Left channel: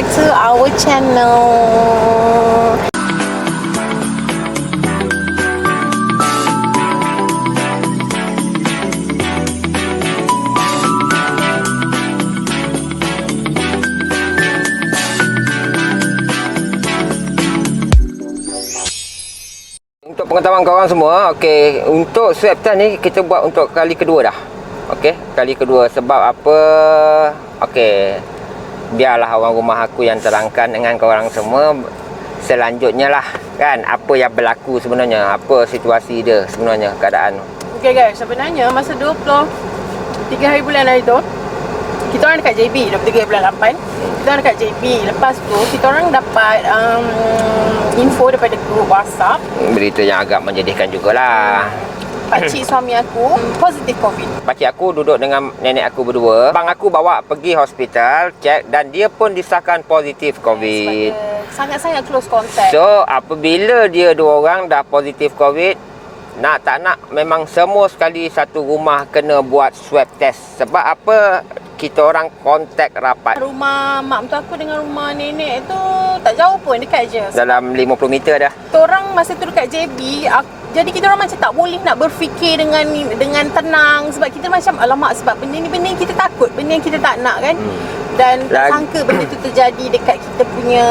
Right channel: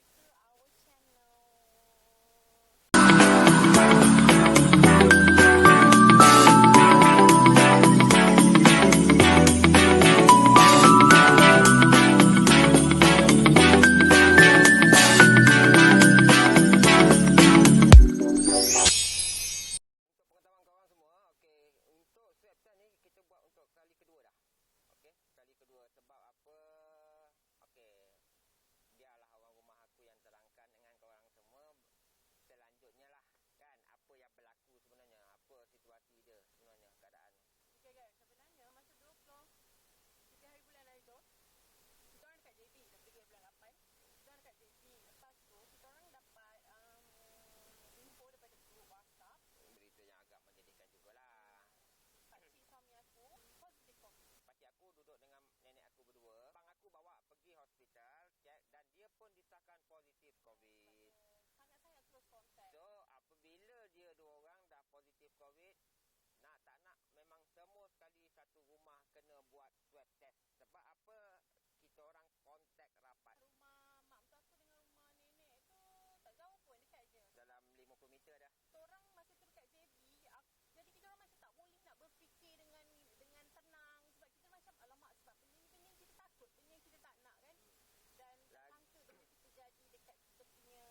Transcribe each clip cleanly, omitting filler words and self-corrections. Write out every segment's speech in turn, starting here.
back to our channel. Untuk pengetahuan korang semua, okey, untuk swab test ni kita buat untuk kali kedua dah. Okey, kali kedua. Sebab apa? Okey, biarlah orang rumah aku yang terangkan dengan korang semua selanjutnya lah, kan, apa yang berlaku sebenarnya, apa situasi dia sebenarnya, keadaan. Okay guys, sebenarnya masa 23 hari bulan hari tu, kita orang dekat JB 23 bulan 8. Kita orang dekat JB. Lepas tu kita orang dapat info daripada grup WhatsApp. Berita yang agak menjadikan jugalah. Pakcik suami aku positif COVID. Pakcik aku duduk dengan nenek aku berdua. Abang aku bawa pergi hospital, cek, dan dia pun disahkan positif COVID. Sangat-sangat close contact. So, apabila dia dua orang dah positif COVID, nak tak nak memang semua sekali satu rumah kena buat swab test. Sebab apa? Kita orang kontak rapat. Rumah mak mentua aku dengan rumah nenek tu tak jauh pun, dekat je. Dalam 50 meter dah. Kita orang masa tu dekat JB, jadi kita orang macam tak boleh nak berfikir dengan tenang. Sebab kita macam alamak, sebab benda ni kita takut, benda yang kita tak nak kan. Dan tak sangka benda tu terjadi dekat kita punya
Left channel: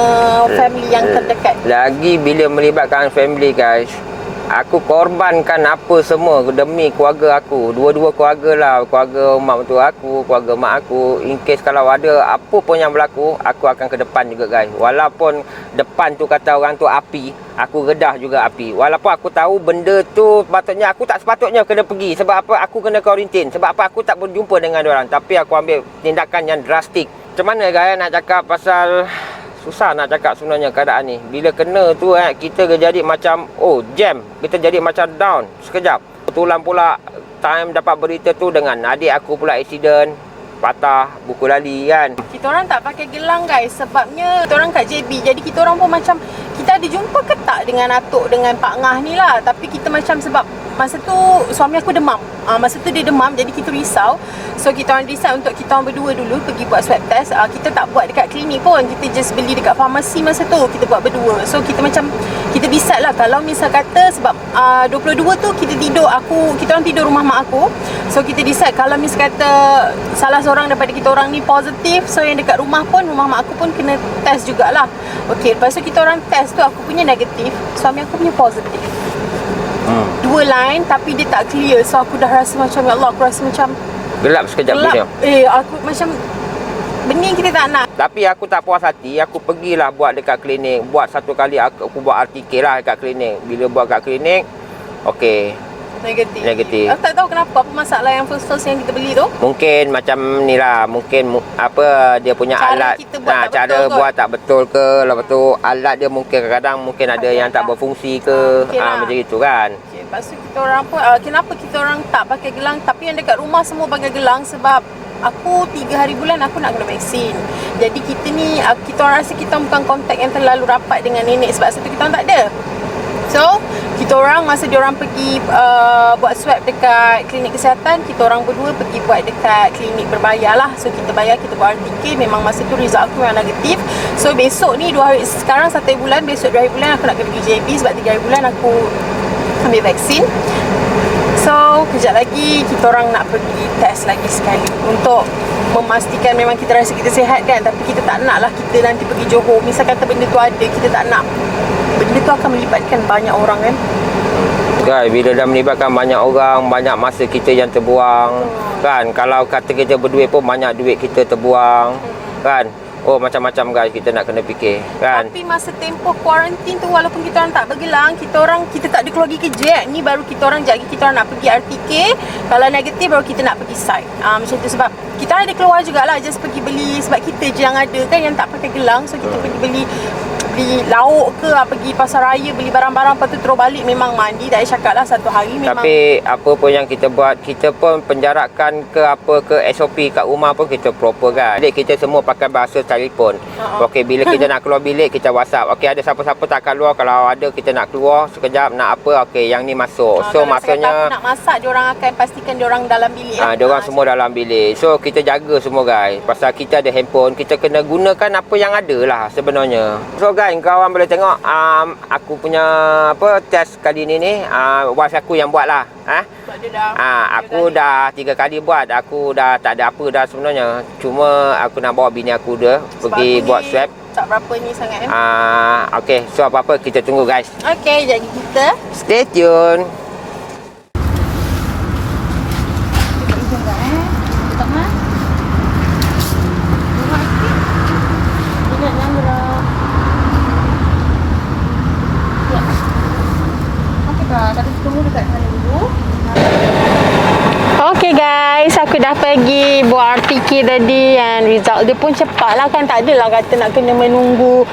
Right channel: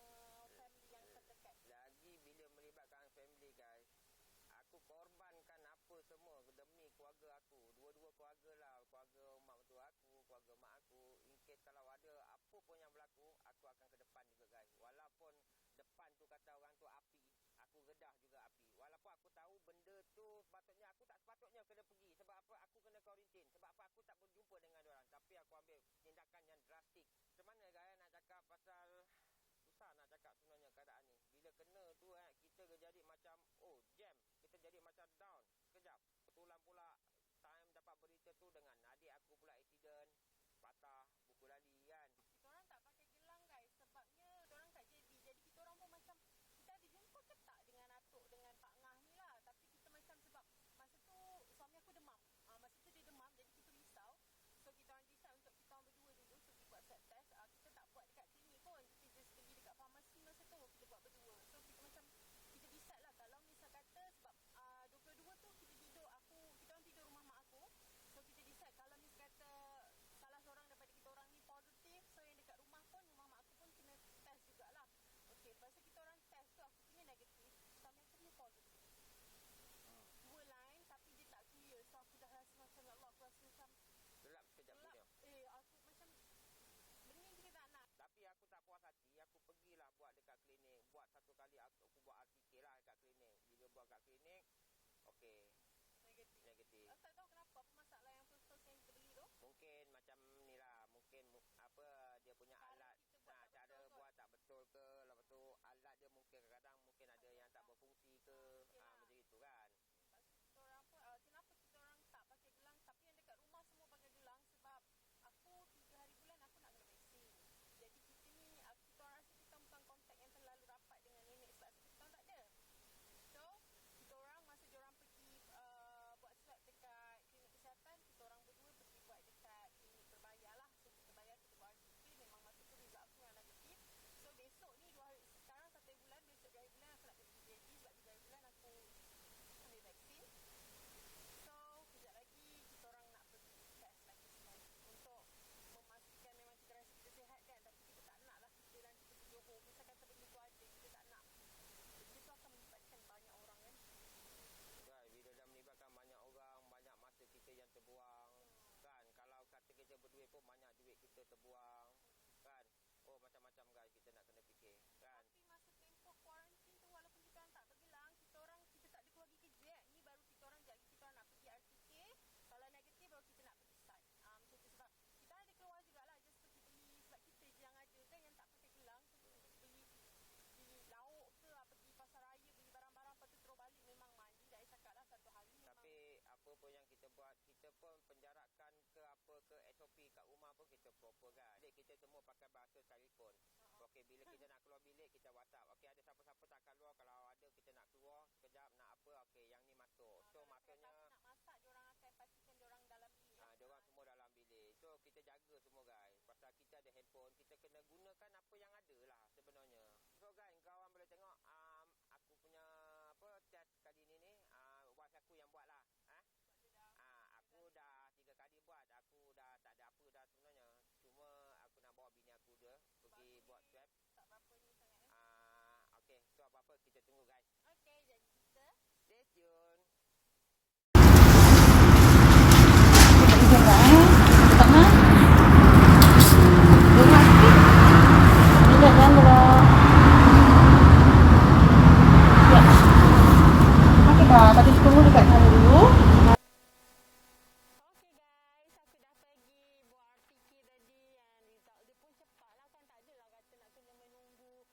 family yang terdekat. Lagi bila melibatkan family guys, aku korbankan apa semua demi keluarga aku. Dua-dua keluarga lah. Keluarga mak mentua aku, keluarga mak aku. In case kalau ada apa pun yang berlaku, aku akan ke depan juga guys. Walaupun depan tu kata orang tu api, aku redah juga api. Walaupun aku tahu benda tu patutnya aku tak sepatutnya kena pergi. Sebab apa? Aku kena kuarantin. Sebab apa? Aku tak berjumpa dengan diorang. Tapi aku ambil tindakan yang drastik. Macam mana guys nak cakap pasal... Susah nak cakap sebenarnya keadaan ni. Bila kena tu kita jadi macam jam. Kita jadi macam down sekejap. Kebetulan pula time dapat berita tu dengan adik aku pula accident, patah buku lali kan. Kita orang tak pakai gelang guys, sebabnya kita orang kat JB. Jadi kita orang pun macam kita ada jumpa ke tak dengan atuk dengan Pak Ngah ni lah. Tapi kita macam sebab masa tu suami aku demam. Masa tu dia demam, jadi kita risau. So kita orang decide untuk kita orang berdua dulu pergi buat swab test. Kita tak buat dekat klinik pun, kita just beli dekat farmasi masa tu, kita buat berdua. So kita macam kita decide lah, kalau misal kata sebab 22 tu kita orang tidur rumah mak aku. So kita decide kalau misal kata salah seorang daripada kita orang ni positif, so yang dekat rumah mak aku pun kena test jugalah. Okey, lepas tu kita orang test tu, aku punya negatif, suami aku punya positif. Dua line tapi dia tak clear. So aku dah rasa macam, ya Allah, aku rasa macam gelap sekejap dunia. Aku macam benda yang kita tak nak. Tapi aku tak puas hati, aku pergilah buat dekat klinik. Buat satu kali aku buat RTK lah dekat klinik. Bila buat kat klinik, okey, negatif. Aku tak tahu kenapa, apa masalah yang first yang kita beli tu. Mungkin macam ni lah, mungkin apa dia punya cara alat, kita buat cara buat tak betul ke. Lepas tu alat dia mungkin kadang-kadang mungkin ada yang tak berfungsi ke. Macam itu kan. Lepas tu kita orang pun kenapa kita orang tak pakai gelang, tapi yang dekat rumah semua pakai gelang. Sebab aku 3 hari bulan aku nak kena vaksin. Jadi kita ni kita orang rasa kita bukan kontak yang terlalu rapat dengan nenek, sebab satu kita orang tak ada. So kita orang masa dia orang pergi buat swab dekat klinik kesihatan, kita orang berdua pergi buat dekat klinik berbayar lah. So kita bayar, kita buat RTK. Memang masa tu result aku yang negatif. So besok ni 2 hari, sekarang 1 bulan, besok 2 hari bulan aku nak kena pergi JB. Sebab 3 hari bulan aku ambil vaksin. So kejap lagi kita orang nak pergi test lagi sekali untuk memastikan memang kita rasa kita sihat kan. Tapi kita tak nak lah kita nanti pergi Johor, misal kata benda tu ada, kita tak nak. Benda tu akan melibatkan banyak orang kan. Guys, bila dah melibatkan banyak orang, banyak masa kita yang terbuang. Kan, kalau kata kita berduit pun banyak duit kita terbuang. Kan. Macam-macam guys kita nak kena fikir kan. Tapi masa tempoh kuarantin tu, walaupun kita orang tak bergelang, kita tak ada keluar pergi kerja. Ni baru kita orang kita orang nak pergi RTK. Kalau negatif baru kita nak pergi site. Macam tu, sebab kita ada keluar jugalah, just pergi beli. Sebab kita je yang ada kan yang tak pakai gelang. So kita pergi beli beli lauk ke, pergi pasar raya beli barang-barang, lepas tu terus balik memang mandi. Tak payah cakap lah, satu hari memang. Tapi apa pun yang kita buat, kita pun penjarakan ke apa ke SOP kat rumah pun kita proper kan. Jadi kita semua pakai bahasa telefon. Okey, bila kita nak keluar bilik kita WhatsApp. Okey, ada siapa-siapa tak keluar, kalau ada kita nak keluar sekejap nak apa, okey yang ni masuk. So maksudnya nak masak, diorang akan pastikan diorang dalam bilik. diorang semua dalam bilik. So kita jaga semua guys. Pasal kita ada handphone, kita kena gunakan apa yang ada lah sebenarnya. So guys, kawan boleh tengok aku punya apa test kali ni wife aku yang buat lah. Aku dah 3 kali buat. Aku dah tak ada apa dah sebenarnya. Cuma aku nak bawa bini aku dia pergi buat swab. Tak berapa ni sangat Okey, so apa-apa kita tunggu guys. Okey, jadi kita Stay tune. Okay guys, aku dah pergi buat RTK tadi and result dia pun cepat lah kan. Tak adalah kata nak kena menunggu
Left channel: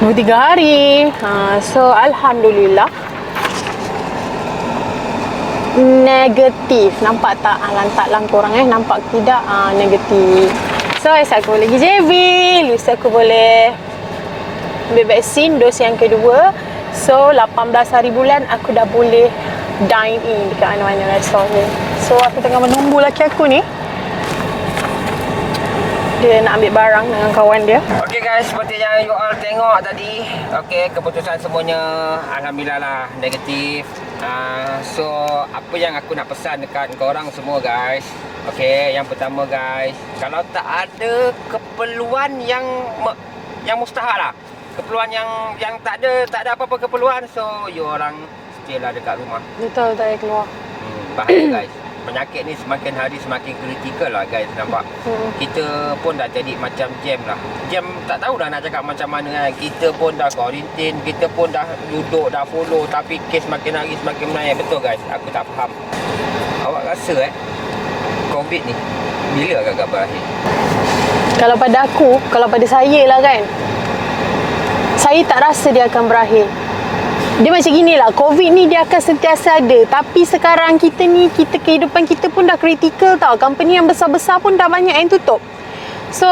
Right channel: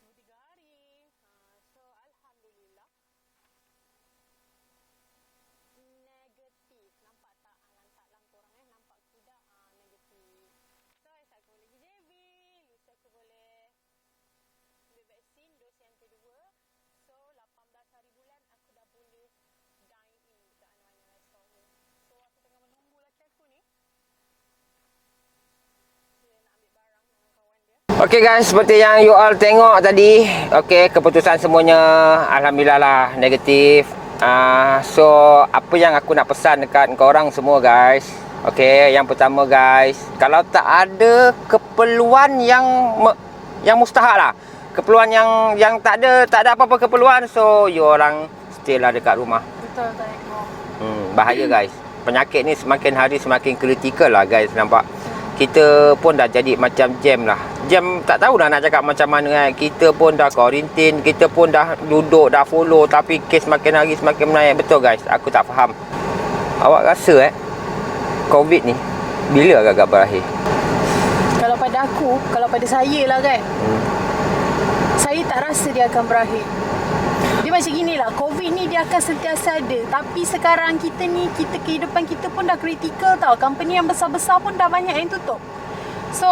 2-3 hari. So Alhamdulillah negatif. Nampak tak? Lantak lah korang nampak tidak? Negatif. So esok aku boleh pergi JB, lusa aku boleh ambil vaksin dos yang kedua. So 18 hari bulan aku dah boleh dine in dekat mana-mana restoran ni. So aku tengah menunggu laki aku ni. Dia nak ambil barang dengan kawan dia. Okay guys, seperti yang you all tengok tadi. Okay, keputusan semuanya alhamdulillah lah negatif. So apa yang aku nak pesan dekat korang semua guys. Okay, yang pertama guys, kalau tak ada keperluan yang mustahak lah, keperluan yang tak ada apa-apa keperluan, so you orang stay lah dekat rumah. Betul, tak payah keluar. Bahaya guys. Penyakit ni semakin hari semakin kritikal lah guys, nampak. Kita pun dah jadi macam jam lah. Jam tak tahu nak cakap macam mana kan. Kita pun dah quarantine, kita pun dah duduk, dah follow, tapi kes semakin hari semakin menaik. Betul guys, aku tak faham. Awak rasa COVID ni bila agak-agak berakhir? Kalau pada aku, kalau pada saya lah kan, saya tak rasa dia akan berakhir. Dia macam gini lah, COVID ni dia akan sentiasa ada. Tapi sekarang kita ni, kehidupan kita pun dah kritikal tau. Company yang besar-besar pun dah banyak yang tutup. So,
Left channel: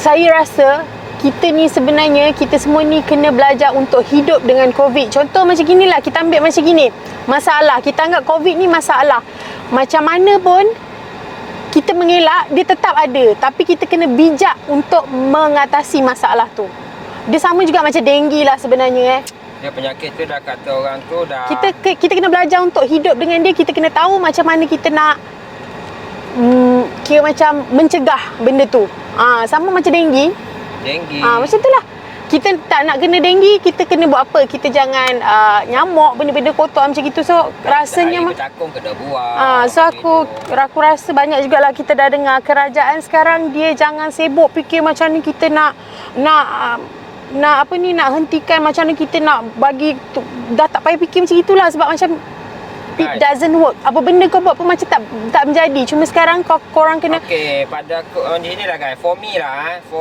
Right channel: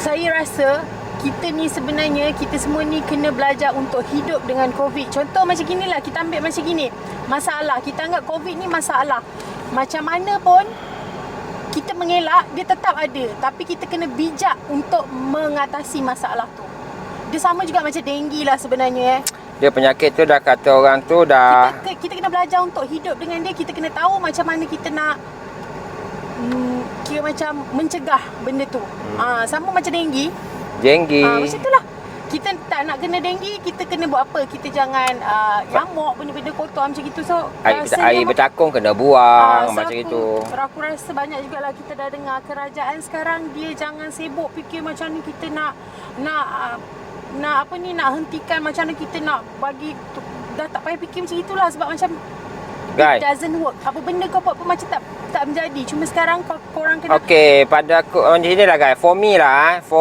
saya rasa kita ni sebenarnya, kita semua ni kena belajar untuk hidup dengan COVID. Contoh macam gini lah, kita ambil macam gini. Masalah, kita anggap COVID ni masalah. Macam mana pun, kita mengelak, dia tetap ada. Tapi kita kena bijak untuk mengatasi masalah tu. Dia sama juga macam denggi lah sebenarnya Dia penyakit tu dah kata orang tu dah... Kita kena belajar untuk hidup dengan dia. Kita kena tahu macam mana kita nak kira macam mencegah benda tu. Sama macam denggi. Macam tu lah. Kita tak nak kena denggi, kita kena buat apa? Kita jangan nyamuk, benda-benda kotor macam itu. So rasanya air bercakung kena buang. So aku rasa banyak jugalah kita dah dengar kerajaan sekarang dia jangan sibuk fikir macam ni kita nak nak hentikan, macam mana kita nak bagi dah tak payah fikir macam itulah. Sebab macam it doesn't work. Apa benda kau buat pun macam tak menjadi. Cuma sekarang korang kena... Okay, pada aku macam ni lah guys. For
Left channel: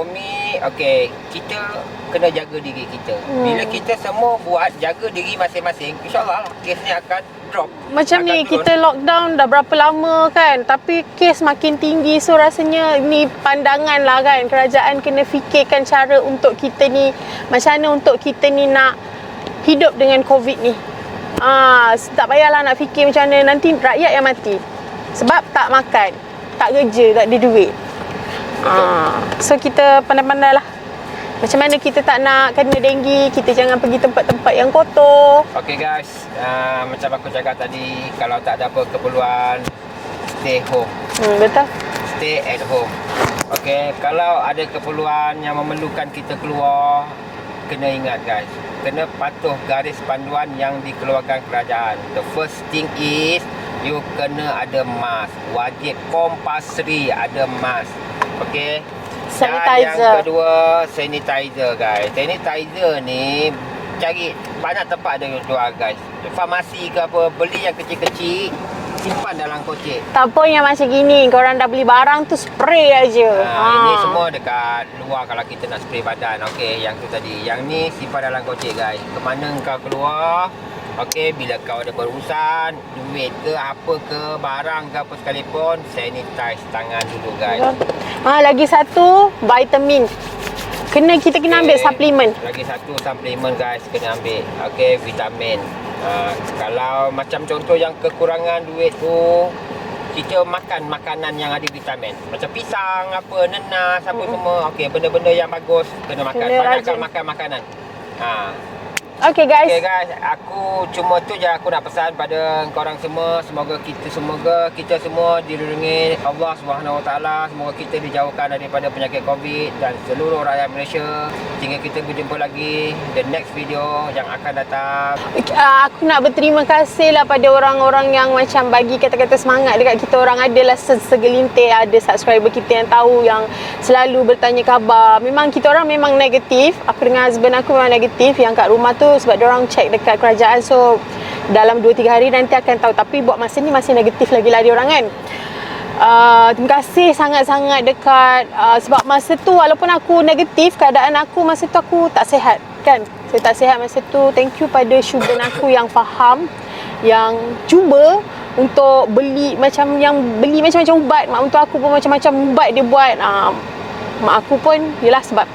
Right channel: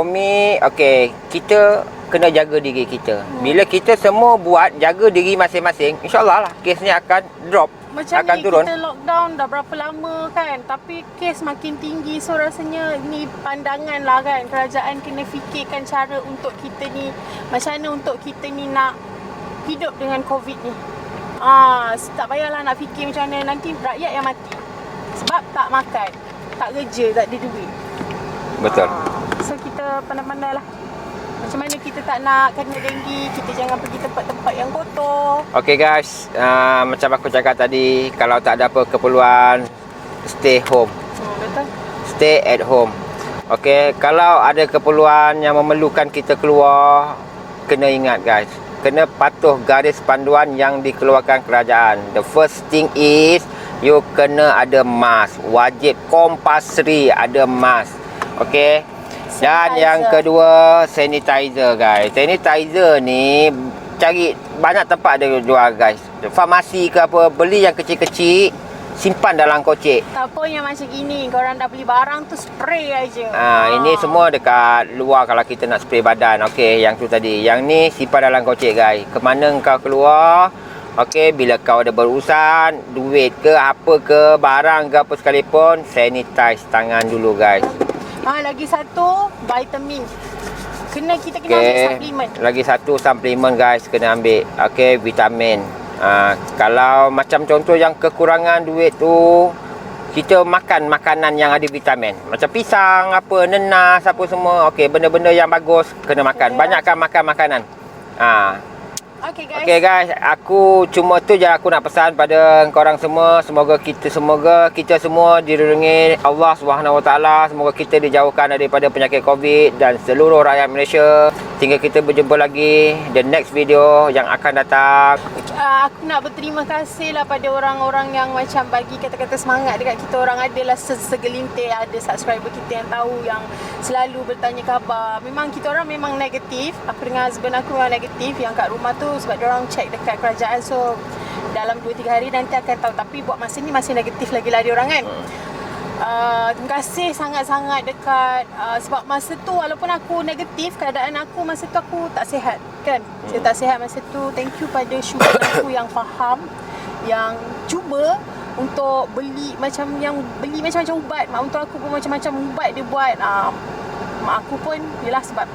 me, okay, kita kena jaga diri kita. Bila kita semua buat jaga diri masing-masing, insyaAllah lah kes ni akan drop. Macam akan ni turun. kita lockdown dah berapa lama kan, tapi kes makin tinggi. So rasanya ni pandangan lah kan, kerajaan kena fikirkan cara untuk kita ni, macam mana untuk kita ni nak hidup dengan COVID ni. Tak payahlah nak fikir macam mana nanti rakyat yang mati sebab tak makan, tak kerja, tak ada duit. Betul. So kita pandai-pandai lah macam mana kita tak nak kena denggi. Kita jangan pergi tempat-tempat yang kotor. Okay guys, macam aku cakap tadi, kalau tak ada apa keperluan, stay home. Betul. Stay at home. Okay, kalau ada keperluan yang memerlukan kita keluar, kena ingat guys, kena patuh garis panduan yang dikeluarkan kerajaan. The first thing is, you kena ada mask. Wajib compulsory ada mask. Okay. Dan yang kedua, sanitizer guys. Sanitizer ni cari banyak tempat ada jual guys. Farmasi ke apa, beli yang kecil-kecil. simpan dalam kocek. Tak apa yang macam gini, korang dah beli barang tu spray aja. Ini semua dekat luar kalau kita nak spray badan. Okey, yang tu tadi. Yang ni simpan dalam kocek guys. Kemana kau keluar, okey, bila kau ada berurusan, duit ke apa ke, barang ke apa sekalipun, sanitize tangan dulu guys. Lagi satu, vitamin. Kita kena ambil suplemen. Lagi satu suplemen guys, kena ambil. Okey, vitamin. Kalau macam contoh yang kekurangan duit tu, kita makan makanan yang ada vitamin. Macam pisang, apa, nenas, apa semua. Okey, benda-benda yang bagus kena makan. Banyakkan makan makanan. Okay guys. Okay guys, aku cuma tu je aku nak pesan pada korang semua. Semoga kita semua dilindungi Allah Subhanahu Wa Taala. Semoga kita dijauhkan daripada penyakit COVID dan seluruh rakyat Malaysia. Hingga kita berjumpa lagi the next video yang akan datang. Aku nak berterima kasih lah pada orang-orang yang macam bagi kata-kata semangat dekat kita orang. Adalah segelintir ada subscriber kita yang tahu, yang selalu bertanya khabar. Memang kita orang memang negatif. Aku dengan husband aku memang negatif. Yang kat rumah tu sebab diorang check dekat kerajaan, so dalam 2-3 hari nanti akan tahu. Tapi buat masa ni masih negatif lagi lah diorang kan. Terima kasih sangat-sangat dekat sebab masa tu walaupun aku negatif, keadaan aku masa tu aku tak sihat kan. Saya tak sihat masa tu. Thank you pada sugar aku yang faham, yang cuba untuk beli macam-macam ubat. Mak untuk aku pun macam-macam ubat dia buat. Mak aku pun yelah sebab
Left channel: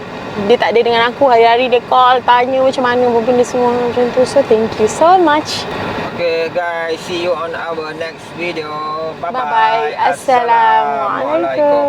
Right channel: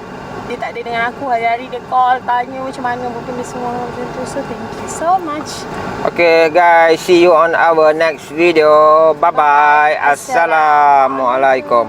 dia tak ada dengan aku, hari-hari dia call tanya macam mana pun benda semua macam tu. So thank you so much. Okay guys, see you on our next video. Bye bye. Assalamualaikum.